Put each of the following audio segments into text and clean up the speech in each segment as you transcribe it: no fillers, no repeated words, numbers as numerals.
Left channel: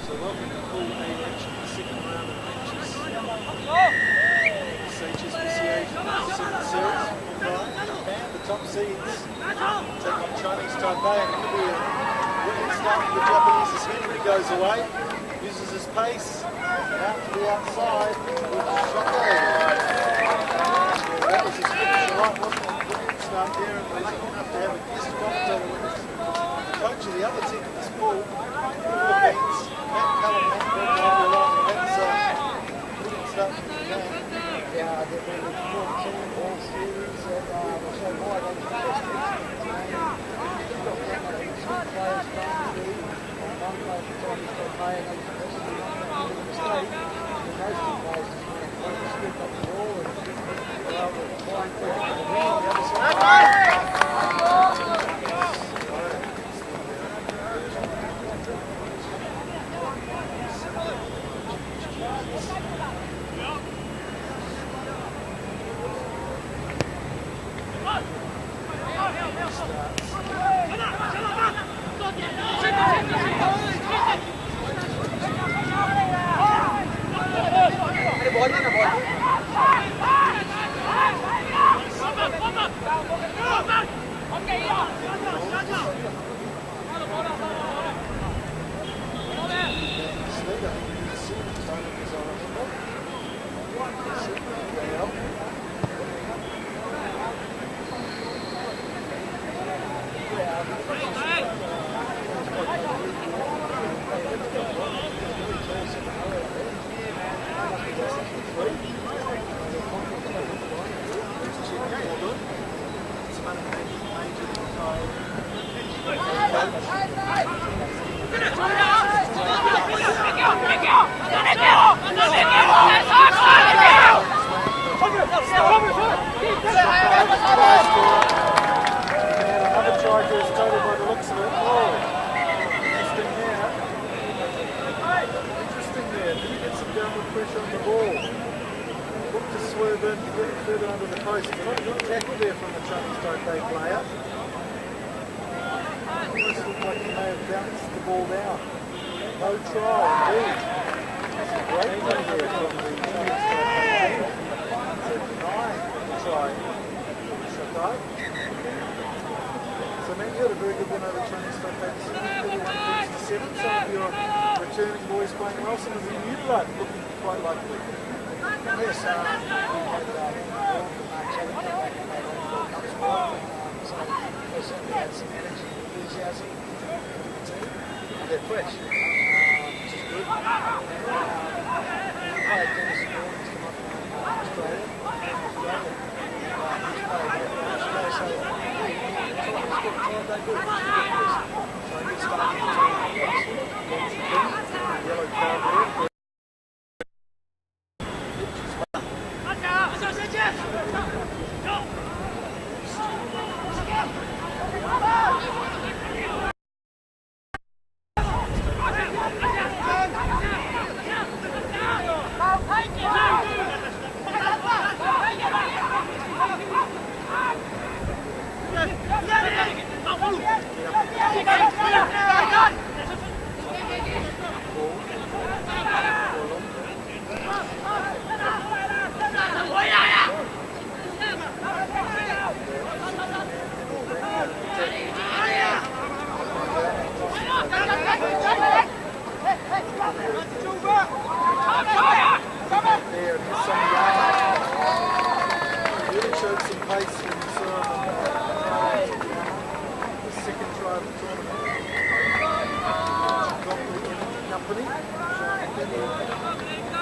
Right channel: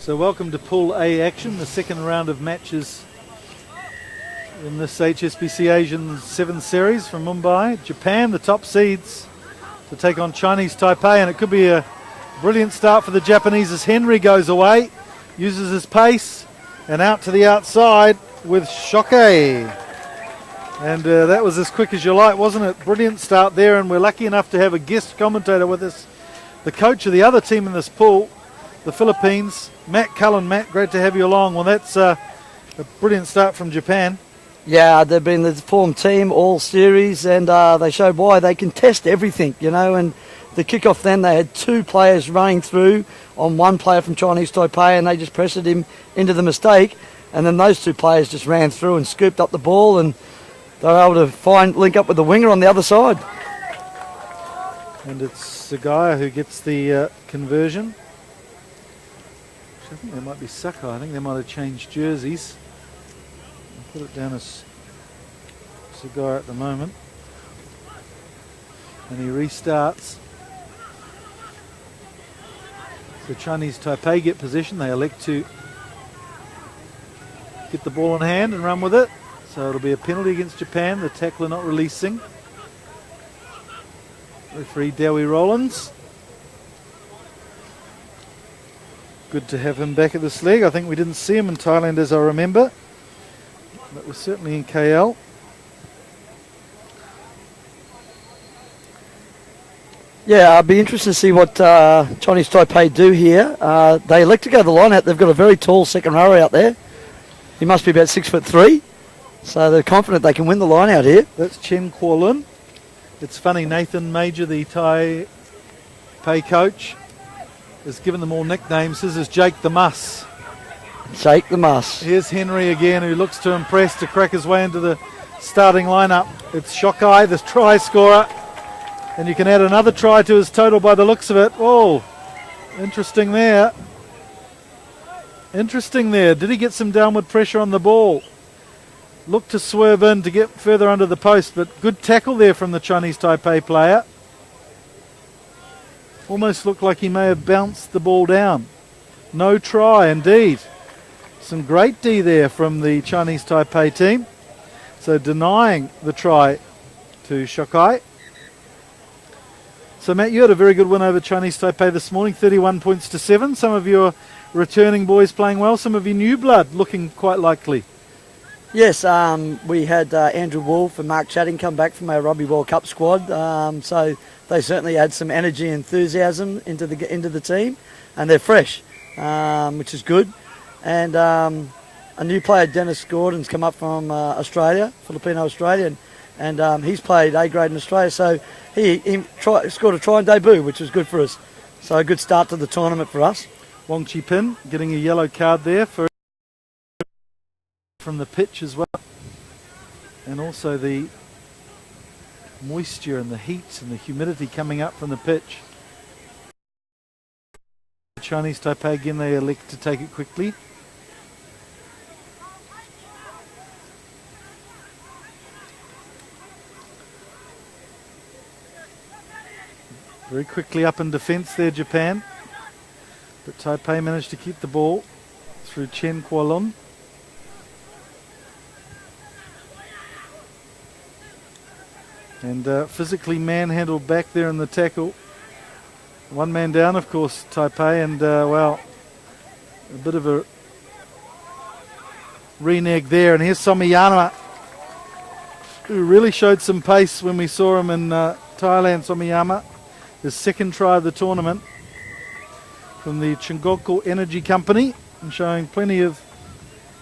So welcome to Pool A action, the second round of matches in this HSBC Asian 7 series from Mumbai. Japan, the top seeds, to take on Chinese Taipei, and it could be a brilliant start for the Japanese as Henry goes away, uses his pace, and out to the outside with Shoke. And that was as quick as you like, wasn't it? Brilliant start there, and we're lucky enough to have a guest commentator with us, the coach of the other team in this pool, the Philippines, Matt Cullen. Matt, great to have you along. Well, that's a brilliant start from Japan. Yeah, they've been the form team all series, and they showed why they can test everything, you know. And the kickoff then, they had 2 players running through on one player from Chinese Taipei, and they just pressured him into the mistake. And then those 2 players just ran through and scooped up the ball, and they were able to link up with the winger on the other side. And it's the guy who gets the conversion. It might be Saka. I think they might have changed jerseys. Put it down as Sagai at the moment. And he restarts. The Chinese Taipei get position. They elect to get the ball in hand and run with it. So it'll be a penalty against Japan. The tackler not releasing. Referee Dewi Rollins. Good to have him back at this leg. I think we didn't see him in Thailand as I remember. He's certainly in KL. Yeah, I'd be interested to see what Chinese Taipei do here. They elect to go the line out. They've got a very tall second rower out there. He must be about 6'3". So they're confident they can win the line out here. That's Chen Kuo-lun. It's funny, Nathan Major, the Taipei coach, has given them all nicknames. His is Jake the Muss. Jake the Muss. Here's Henry again, who looks to impress to crack his way into the starting lineup with Shokai, the try scorer. And you can add another try to his total by the looks of it. Oh, interesting there. Interesting there. Did he get some downward pressure on the ball? Looked to swerve in to get further under the post, but good tackle there from the Chinese Taipei player. Almost looked like he may have bounced the ball down. No try indeed. Some great D there from the Chinese Taipei team. So denying the try to Shokai. So Matt, you had a very good win over Chinese Taipei this morning, 31 points to 7. Some of your returning boys playing well, some of your new blood looking quite likely. Yes, we had Andrew Wolf and Mark Chatting come back from our Rugby World Cup squad, so they certainly add some energy and enthusiasm into the team, and they're fresh, which is good. And a new player, Dennis Gordon's come up from Australia, Filipino Australian, and he's played A grade in Australia, so he scored a try and debut, which was good for us. So a good start to the tournament for us. Wong Chi Pin getting a yellow card there from the pitch as well. And also the moisture and the heat and the humidity coming up from the pitch. Chinese Taipei again, they elect to take it quickly. Very quickly up in defence there, Japan. But Taipei managed to keep the ball through Chen Kuo-lun. And physically manhandled back there in the tackle. One man down, of course, Taipei, and well, a bit of a renege there. And here's Somiyama, who really showed some pace when we saw him in Thailand. Somiyama, his second try of the tournament in the Chungkoku Energy Company, and showing plenty of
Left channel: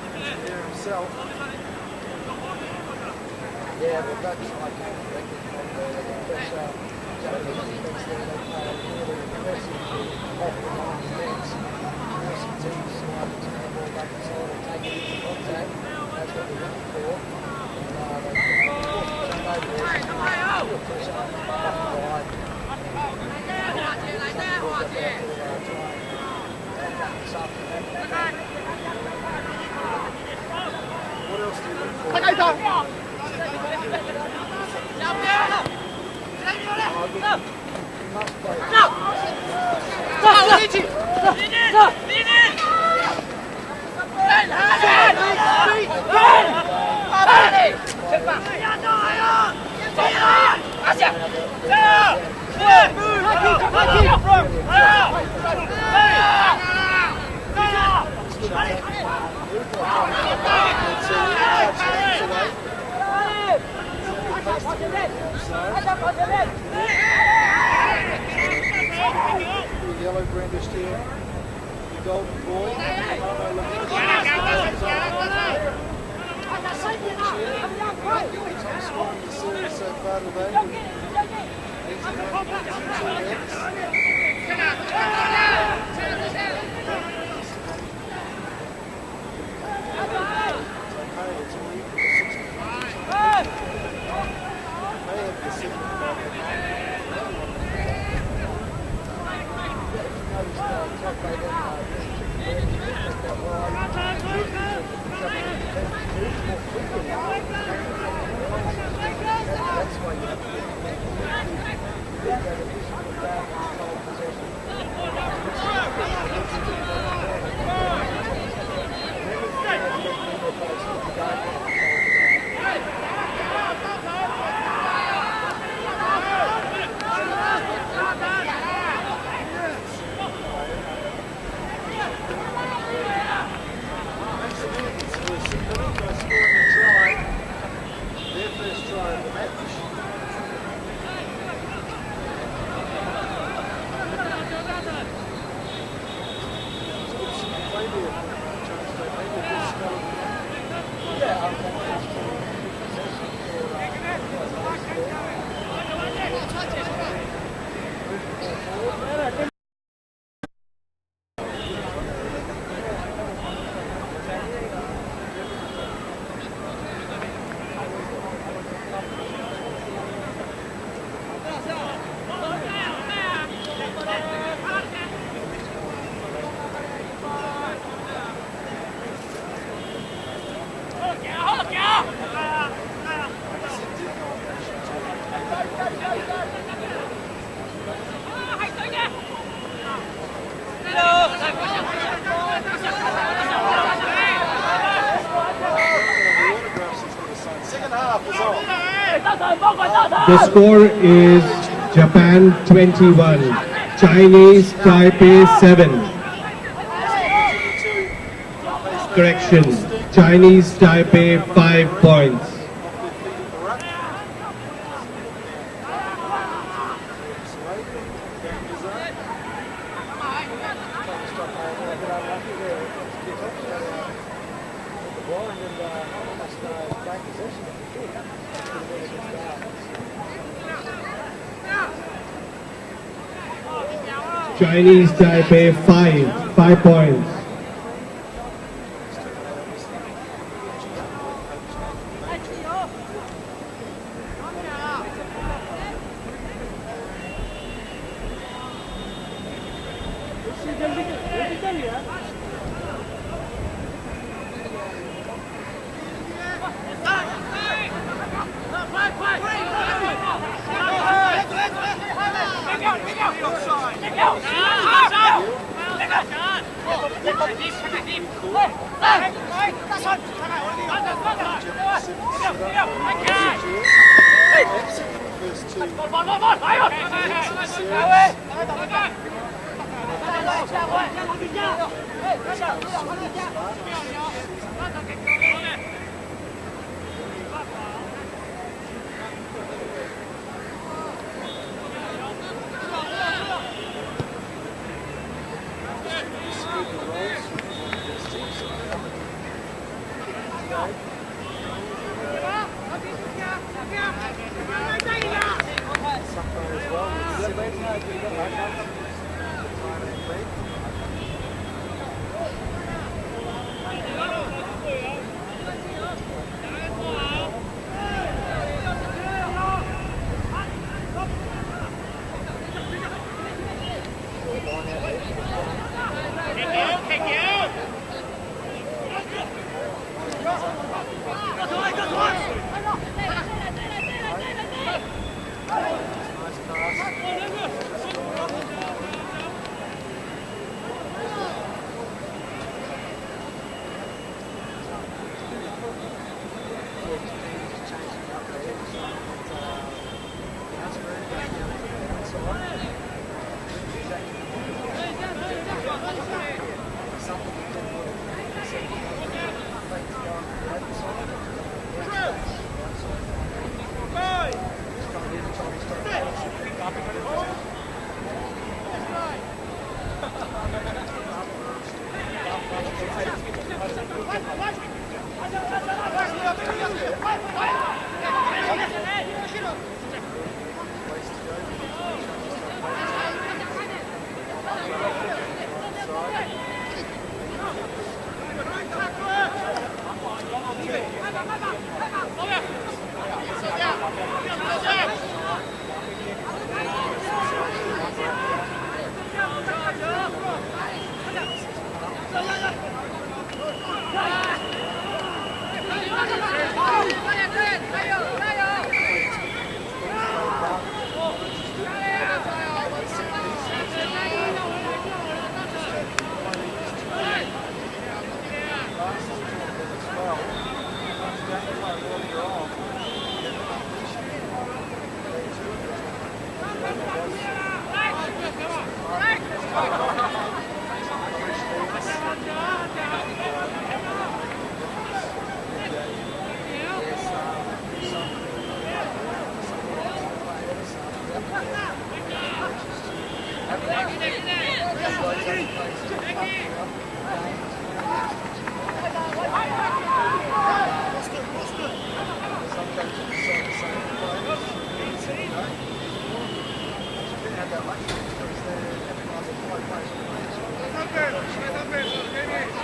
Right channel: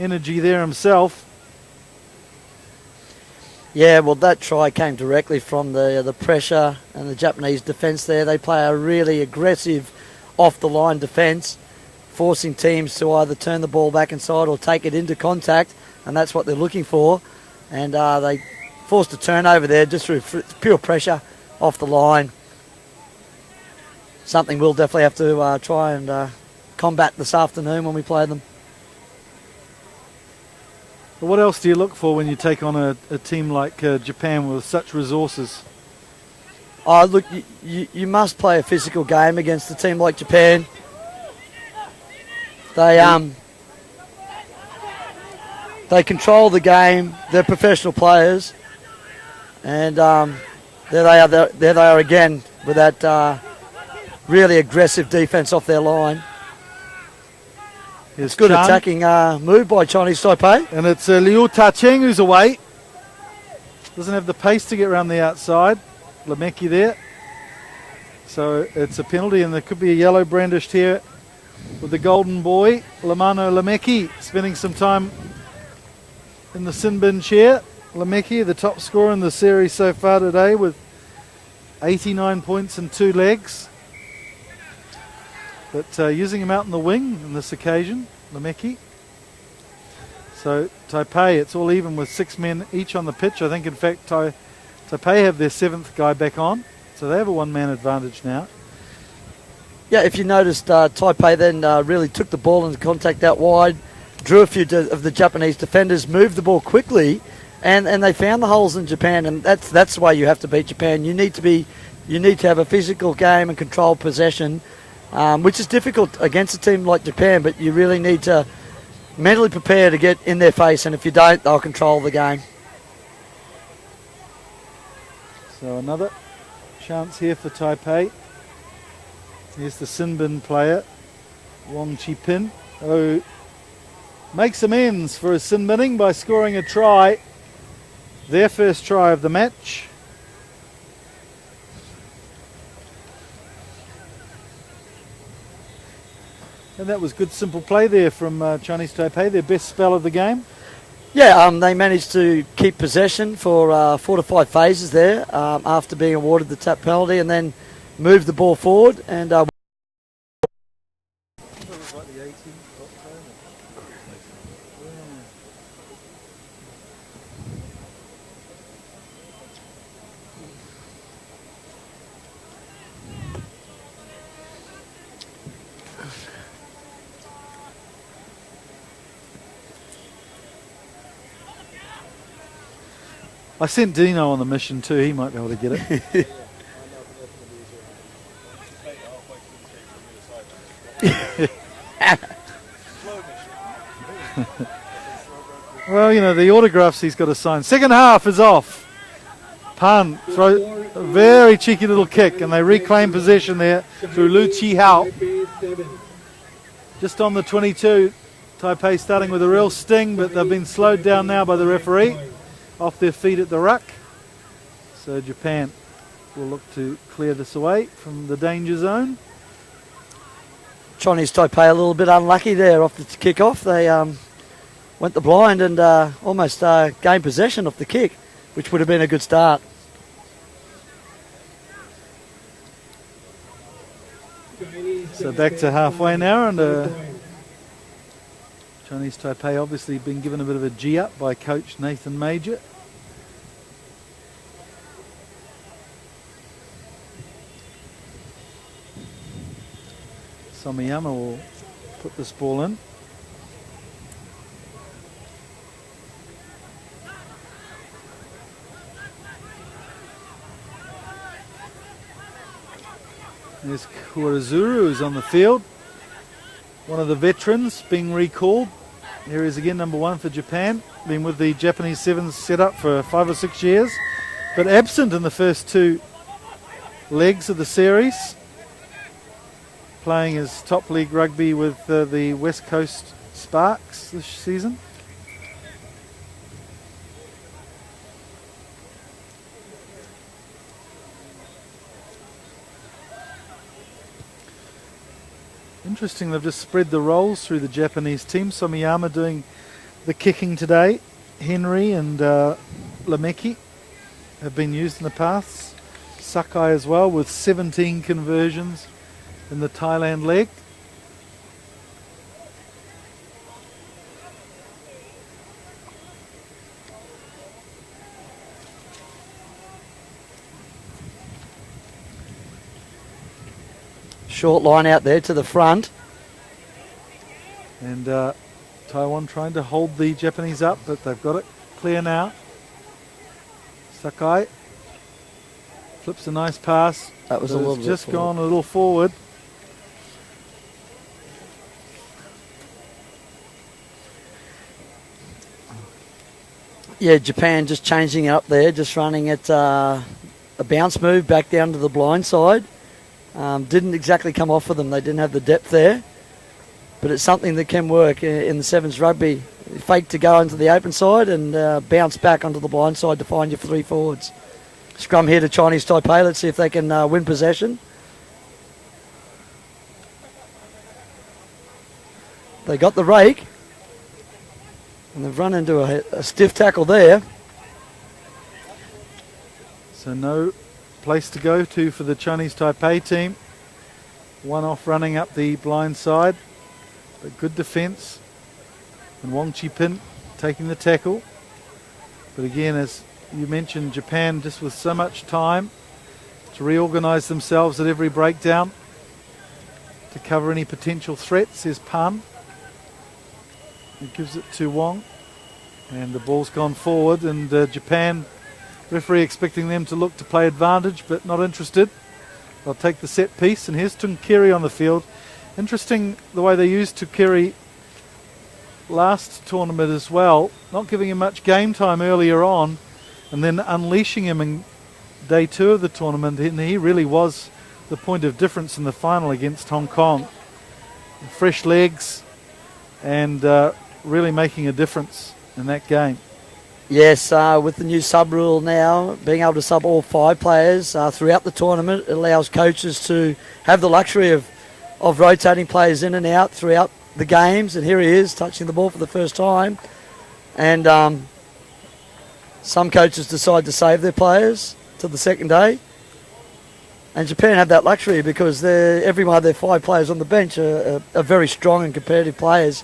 energy there himself. Yeah, well, that try came directly from the pressure and the Japanese defence there. They play a really aggressive off-the-line defence, forcing teams to either turn the ball back inside or take it into contact, and that's what they're looking for. And they forced a turnover there just through pure pressure off the line. Something we'll definitely have to try and combat this afternoon when we play them. What else do you look for when you take on a team like Japan with such resources? Look, you must play a physical game against a team like Japan. They control the game. They're professional players, and there they are again with that really aggressive defence off their line. It's good attacking move by Chinese Taipei. And it's Liu Ta-Cheng who's away. Doesn't have the pace to get around the outside. Lemeki there. So it's a penalty, and there could be a yellow brandished here with the golden boy, Lamano Lemeki, spending some time in the sin bin chair. Lemeki, the top scorer in the series so far today with 89 points and 2 legs. But using him out in the wing on this occasion, Lemeki. So Taipei, it's all even with 6 men each on the pitch. I think in fact Taipei have their 7th guy back on. So they have a 1-man advantage now. Yeah, if you noticed, Taipei then really took the ball into contact out wide, drew a few of the Japanese defenders, moved the ball quickly, and they found the holes in Japan, and that's why you have to beat Japan. You need to have a physical game and control possession, which is difficult against a team like Japan, but you really need to mentally prepare to get in their face, and if you don't, they'll control the game. So another chance here for Taipei. There's the Sinbin player, Wong Chi-pin, who makes amends for his Sinbinning by scoring a try, their first try of the match. And that was good simple play there from Chinese Taipei, their best spell of the game. Yeah, they managed to keep possession for 4 to 5 phases there after being awarded the tap penalty, and then move the ball forward and I sent Dino on the mission too, he might be able to get it. Well, you know, the autographs he's got to sign. Second half is off. The score is very cheeky little Japan kick, and they reclaim 21, possession there. Chinese Taipei 7. Just on the 22. Taipei starting with a real sting. Chinese Slowed down now Taipei by the 5 referee. points. Off their feet at the ruck. So Japan will look to clear this away from the danger zone. Chinese Taipei a little bit unlucky there off the kick-off. They went the blind and almost gained possession off the kick, which would have been a good start. Chinese Taipei 5 points. Chinese Taipei obviously been given a bit of a G-up by coach Nathan Major. Samiyama will put this ball in. Kurazuru is on the field. One of the veterans being recalled. Here he is again, number 1 for Japan. Been with the Japanese Sevens set up for 5 or 6 years. But absent in the first 2 legs of the series. Playing his top league rugby with the West Coast Sparks this season. Interesting, they've just spread the roles through the Japanese team. Somiyama doing the kicking today. Henry and Lemeki have been used in the past. Sakai as well with 17 conversions in the Thailand leg. Short line out there to the front. And Taiwan trying to hold the Japanese up, but they've got it clear now. Sakai flips a nice pass. That was just gone a little forward. Yeah, Japan just changing up there, just running it a bounce move back down to the blind side. Didn't exactly come off for them. They didn't have the depth there. But it's something that can work in the sevens rugby. Fake to go into the open side and bounce back onto the blind side to find your three forwards. Scrum here to Chinese Taipei. Let's see if they can win possession. They got the rake. And they've run into a stiff tackle there. So no place to go to for the Chinese Taipei team. One off running up the blind side. Good defence. Wong Chi-pin taking the tackle. But again, as you mentioned, Japan just with so much time to reorganise themselves at every breakdown. To cover any potential threats is Pan. He gives it to Wong. And the ball's gone forward, and Japan referee expecting them to look to play advantage, but not interested. They'll take the set piece, and here's Tim Carey on the field. Interesting the way they used Takiri last tournament as well, not giving him much game time earlier on and then unleashing him in day 2 of the tournament, and he really was the point of difference in the final against Hong Kong. Fresh legs and really making a difference in that game. Yes, with the new sub rule now, being able to sub all 5 players throughout the tournament, it allows coaches to have the luxury of rotating players in and out throughout the games. And here he is touching the ball for the first time. And some coaches decide to save their players to the second day. And Japan have that luxury because every one of their 5 players on the bench are very strong and competitive players.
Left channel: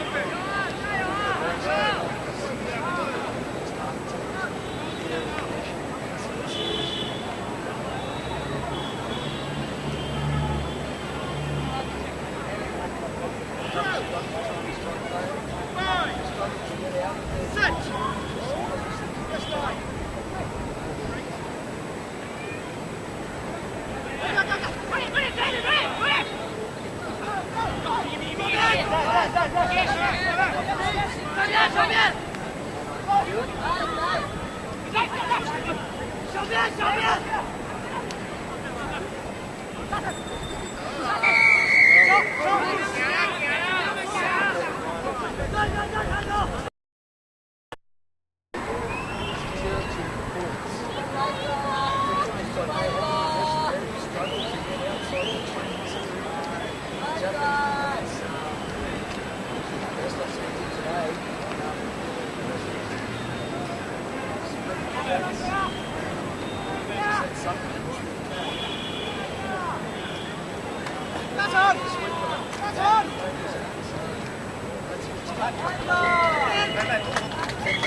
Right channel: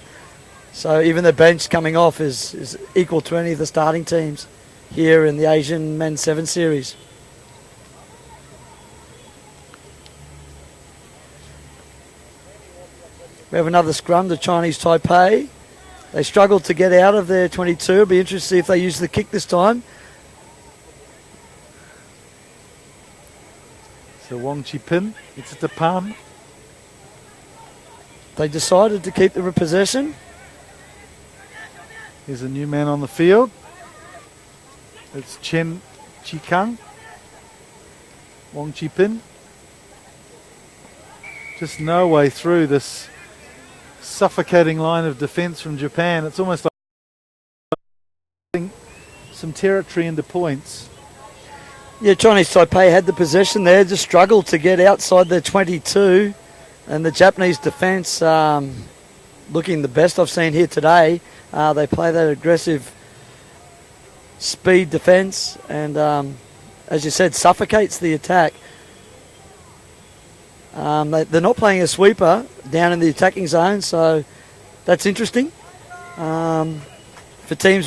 So even the bench coming off is equal to any of the starting teams here in the Asian Men's 7 Series. We have another scrum, the Chinese Taipei. They struggled to get out of their 22. It'll be interesting to see if they use the kick this time. So Wong Chi-pin, it's the Palm. They decided to keep the possession. There's a new man on the field. It's Chen Chi-kang. Wong Chi-pin. Just no way through this suffocating line of defence from Japan. It's almost like some territory into points. Yeah, Chinese Taipei had the possession there, just struggled to get outside their 22. And the Japanese defence looking the best I've seen here today. They play that aggressive speed defence and, as you said, suffocates the attack. They're not playing a sweeper down in the attacking zone, so that's interesting. For teams who